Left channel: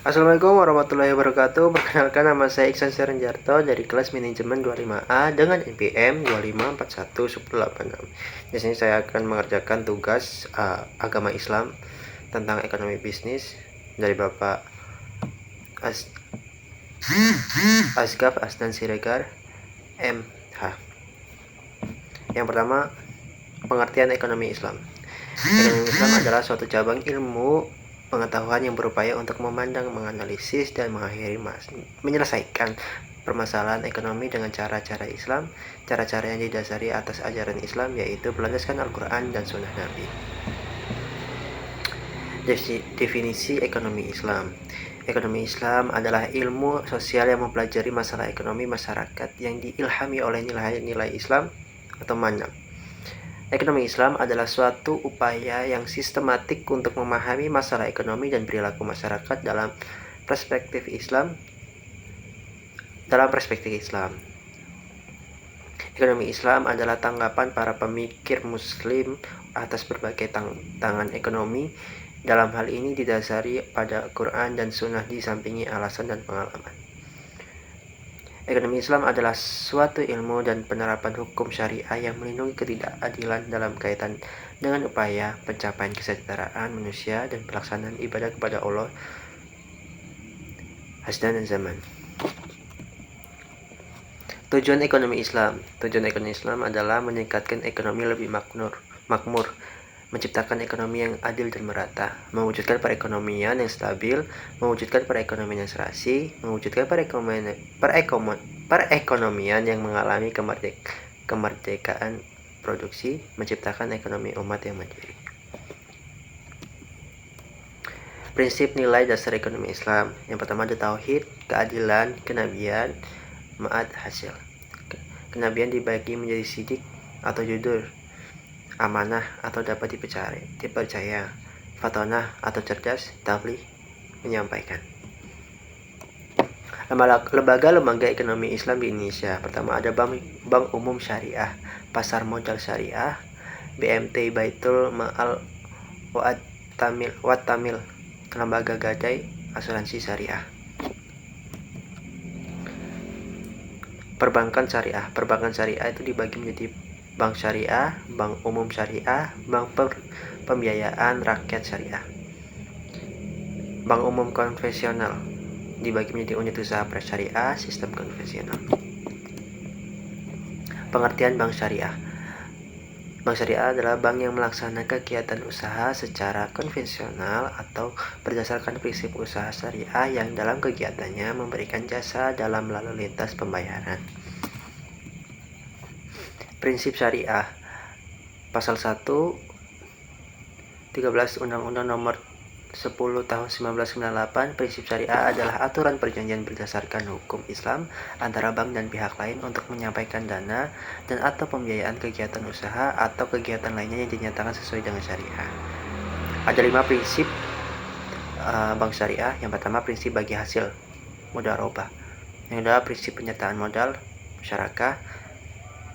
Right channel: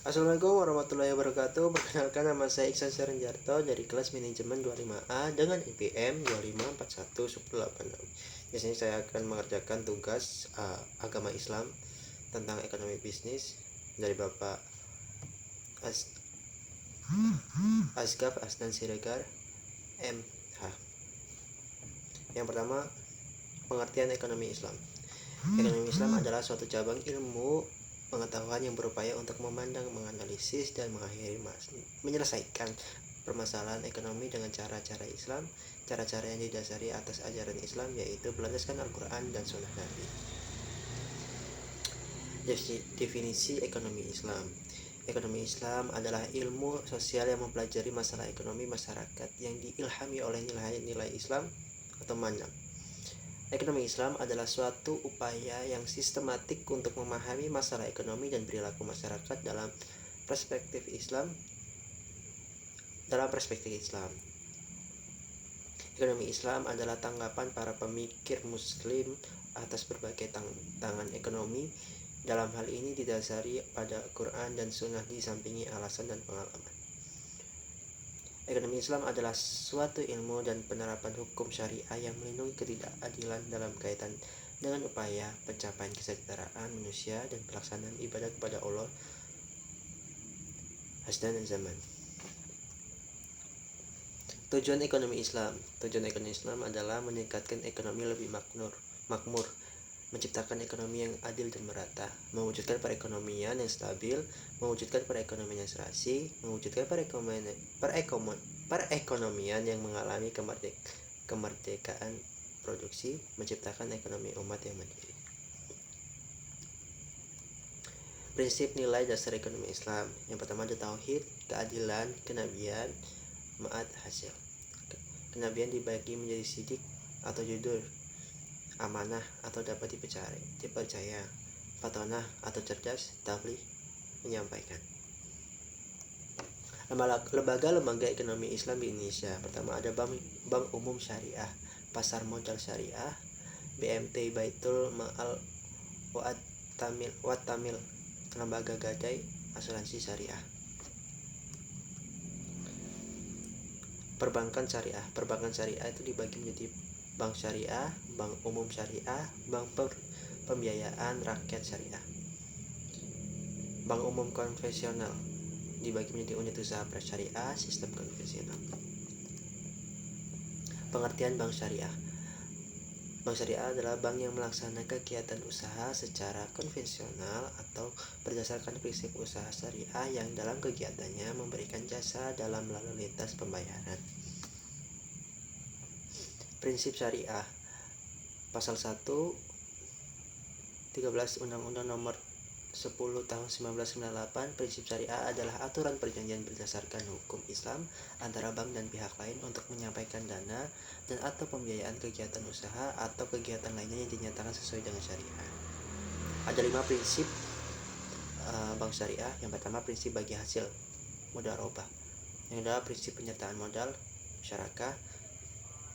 Assalamualaikum warahmatullahi wabarakatuh. Perkenalkan, nama saya Iksan Serenjarto dari kelas manajemen 25A dengan NPM 25411086. Di sini saya akan mengerjakan tugas agama Islam tentang ekonomi bisnis dari Bapak Asgaf Asnan Siregar MH. Yang pertama, pengertian ekonomi Islam. Ekonomi Islam adalah suatu cabang ilmu pengetahuan yang berupaya untuk memandang, menganalisis, dan menyelesaikan permasalahan ekonomi dengan cara-cara Islam, cara-cara yang didasari atas ajaran Islam, yaitu berlandaskan Al-Quran dan Sunnah Nabi. Definisi ekonomi Islam. Ekonomi Islam adalah ilmu sosial yang mempelajari masalah ekonomi masyarakat yang diilhami oleh nilai-nilai Islam atau manhaj. Ekonomi Islam adalah suatu upaya yang sistematik untuk memahami masalah ekonomi dan perilaku masyarakat dalam perspektif Islam. Ekonomi Islam adalah tanggapan para pemikir Muslim atas berbagai tantangan ekonomi. Dalam hal ini didasari pada Quran dan Sunnah disampingi alasan dan pengalaman. Ekonomi Islam adalah suatu ilmu dan penerapan hukum syariah yang melindungi ketidakadilan dalam kaitan dengan upaya pencapaian kesejahteraan manusia dan pelaksanaan ibadah kepada Allah hasdan dan zaman. Tujuan ekonomi Islam adalah meningkatkan ekonomi lebih makmur, menciptakan ekonomi yang adil dan merata, mewujudkan perekonomian yang stabil, mewujudkan perekonomian yang serasi, mewujudkan perekonomian yang mengalami kemerdekaan produksi, menciptakan ekonomi umat yang mandiri. Prinsip nilai dasar ekonomi Islam. Yang pertama ada tauhid, keadilan, kenabian, ma'ad hasil. Kenabian dibagi menjadi sidik atau jujur, amanah atau dapat dipercaya, fatonah atau cerdas, tabligh menyampaikan. Lembaga ekonomi Islam di Indonesia. Pertama ada Bank Umum Syariah, Pasar Modal Syariah, BMT Baitul Ma'al Wat Tamil, Lembaga Gadai Asuransi Syariah. Perbankan syariah itu dibagi menjadi bank syariah, bank umum syariah, bank pembiayaan rakyat syariah. Bank umum konvensional dibagi menjadi unit usaha prasyariah, sistem konvensional. Pengertian bank syariah. Bank syariah adalah bank yang melaksanakan kegiatan usaha secara konvensional atau berdasarkan prinsip usaha syariah yang dalam kegiatannya memberikan jasa dalam lalu lintas pembayaran. Prinsip syariah. Pasal 1 13 Undang-Undang Nomor 10 Tahun 1998, prinsip syariah adalah aturan perjanjian berdasarkan hukum Islam antara bank dan pihak lain untuk menyampaikan dana dan atau pembiayaan kegiatan usaha atau kegiatan lainnya yang dinyatakan sesuai dengan syariah. Ada 5 prinsip bank syariah. Yang pertama, prinsip bagi hasil mudharabah. Yang kedua, prinsip penyertaan modal musyarakah.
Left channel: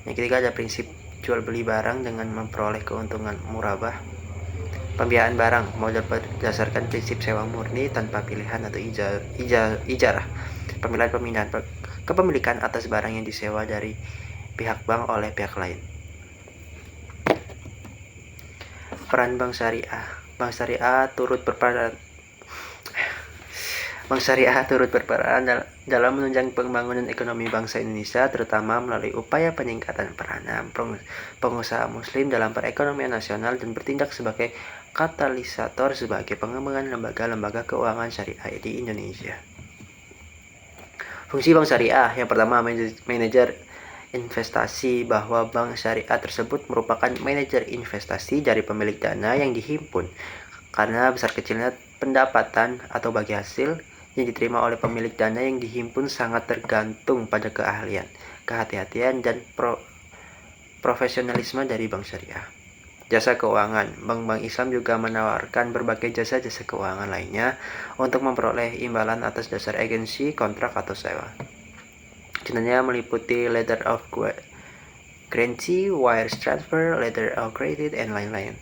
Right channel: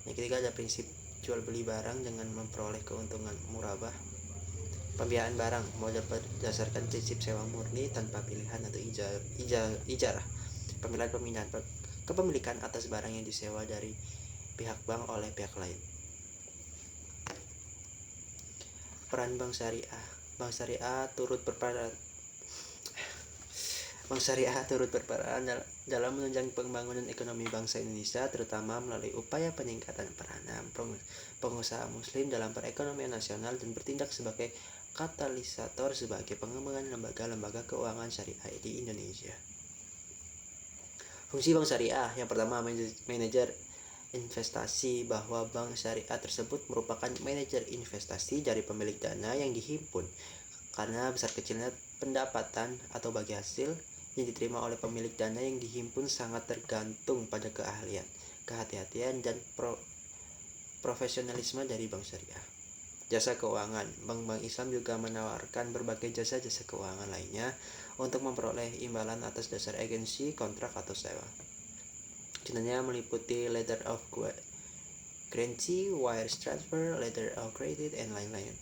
Yang ketiga ada prinsip jual beli barang dengan memperoleh keuntungan murabah. Pembiayaan barang modal berdasarkan prinsip sewa murni tanpa pilihan atau ijarah. Pemindahan kepemilikan atas barang yang disewa dari pihak bank oleh pihak lain. Peran bank syariah. Bank syariah turut berperan dalam menunjang pembangunan ekonomi bangsa Indonesia, terutama melalui upaya peningkatan peranan pengusaha muslim dalam perekonomian nasional dan bertindak sebagai katalisator sebagai pengembangan lembaga-lembaga keuangan syariah di Indonesia. Fungsi bank syariah. Yang pertama, manajer investasi, bahwa bank syariah tersebut merupakan manajer investasi dari pemilik dana yang dihimpun karena besar kecilnya pendapatan atau bagi hasil yang diterima oleh pemilik dana yang dihimpun sangat tergantung pada keahlian, kehati-hatian, dan profesionalisme dari bank syariah. Jasa keuangan. Bank-bank Islam juga menawarkan berbagai jasa-jasa keuangan lainnya untuk memperoleh imbalan atas dasar agensi, kontrak, atau sewa. Contohnya meliputi letter of guarantee, wire transfer, letter of credit, dan lain-lain.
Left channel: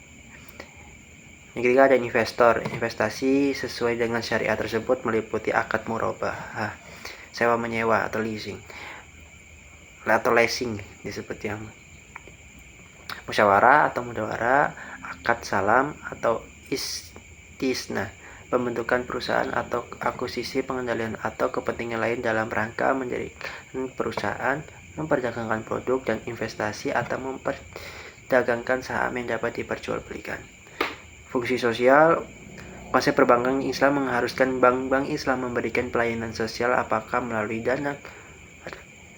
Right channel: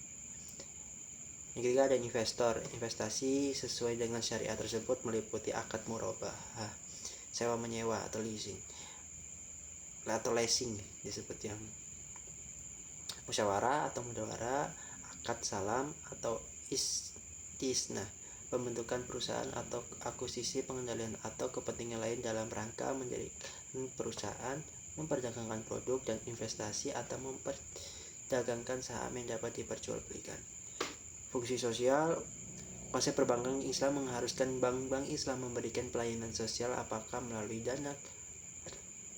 Yang ketiga ada investor. Investasi sesuai dengan syariat tersebut meliputi akad murabah, sewa menyewa atau leasing disebut yang musyawarah atau mudawarah, akad salam atau istisna, pembentukan perusahaan atau akuisisi, pengendalian atau kepentingan lain dalam rangka menjadikan perusahaan, memperdagangkan produk dan investasi atau memperdagangkan saham yang dapat diperjualbelikan. Fungsi sosial. Konsep perbankan Islam mengharuskan bank-bank Islam memberikan pelayanan sosial apakah melalui dana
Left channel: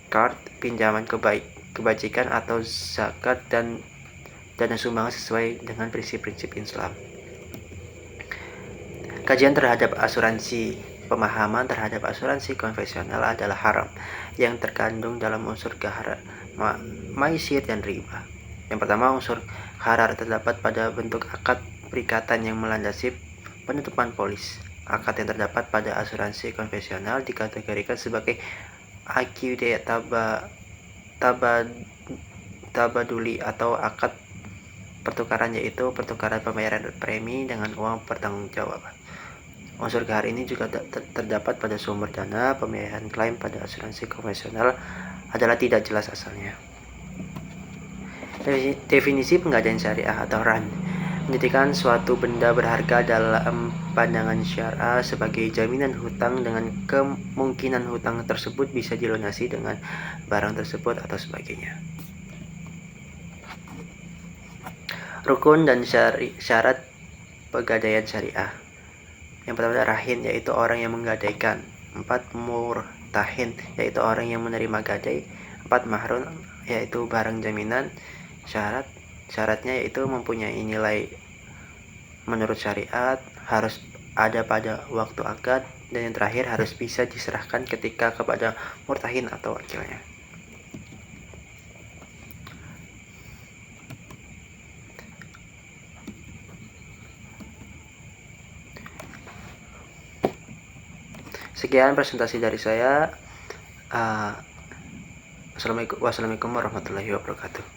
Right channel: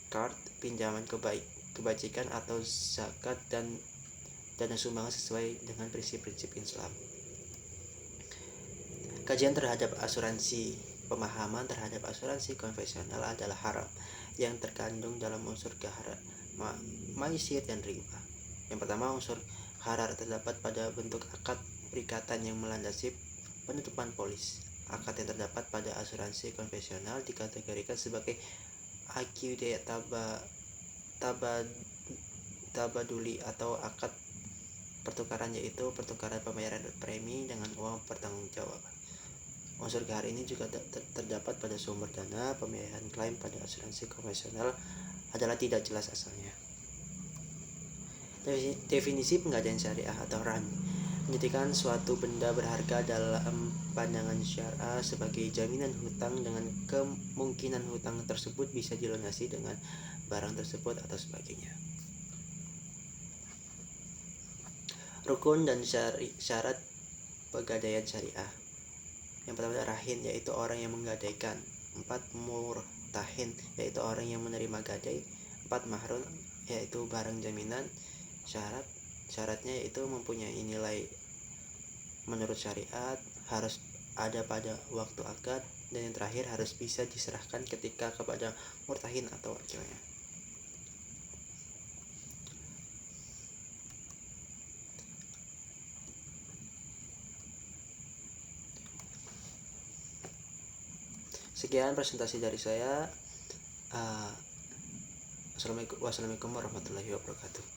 card, pinjaman kebajikan atau zakat dan dana sumbangan sesuai dengan prinsip-prinsip Islam. Kajian terhadap asuransi. Pemahaman terhadap asuransi konvensional adalah haram yang terkandung dalam unsur maisir dan riba. Yang pertama, unsur harar terdapat pada bentuk akad perikatan yang melandasi penutupan polis. Akad yang terdapat pada asuransi konvensional dikategorikan sebagai AQD tabaduli atau akad pertukaran, yaitu pertukaran pembayaran premi dengan uang pertanggungjawaban. Unsur gahar ini juga terdapat pada sumber dana. Pembiayaan klaim pada asuransi konvensional adalah tidak jelas asalnya. Definisi penggadaian syariah atau ran. Menjadikan suatu benda berharga dalam pandangan syariah sebagai jaminan hutang dengan kemungkinan hutang tersebut bisa dilunasi dengan barang tersebut atau sebagainya. Rukun dan syarat pegadaian syariah. Yang pertama adalah rahin, yaitu orang yang menggadaikan. 4. Murtahin, yaitu orang yang menerima gadai. 4. Mahrun, yaitu barang jaminan. Syaratnya yaitu mempunyai nilai menurut syariat, harus ada pada waktu akad, dan yang terakhir harus bisa diserahkan ketika kepada murtahin atau wakilnya. Sekian presentasi dari saya. Wassalamualaikum warahmatullahi wabarakatuh.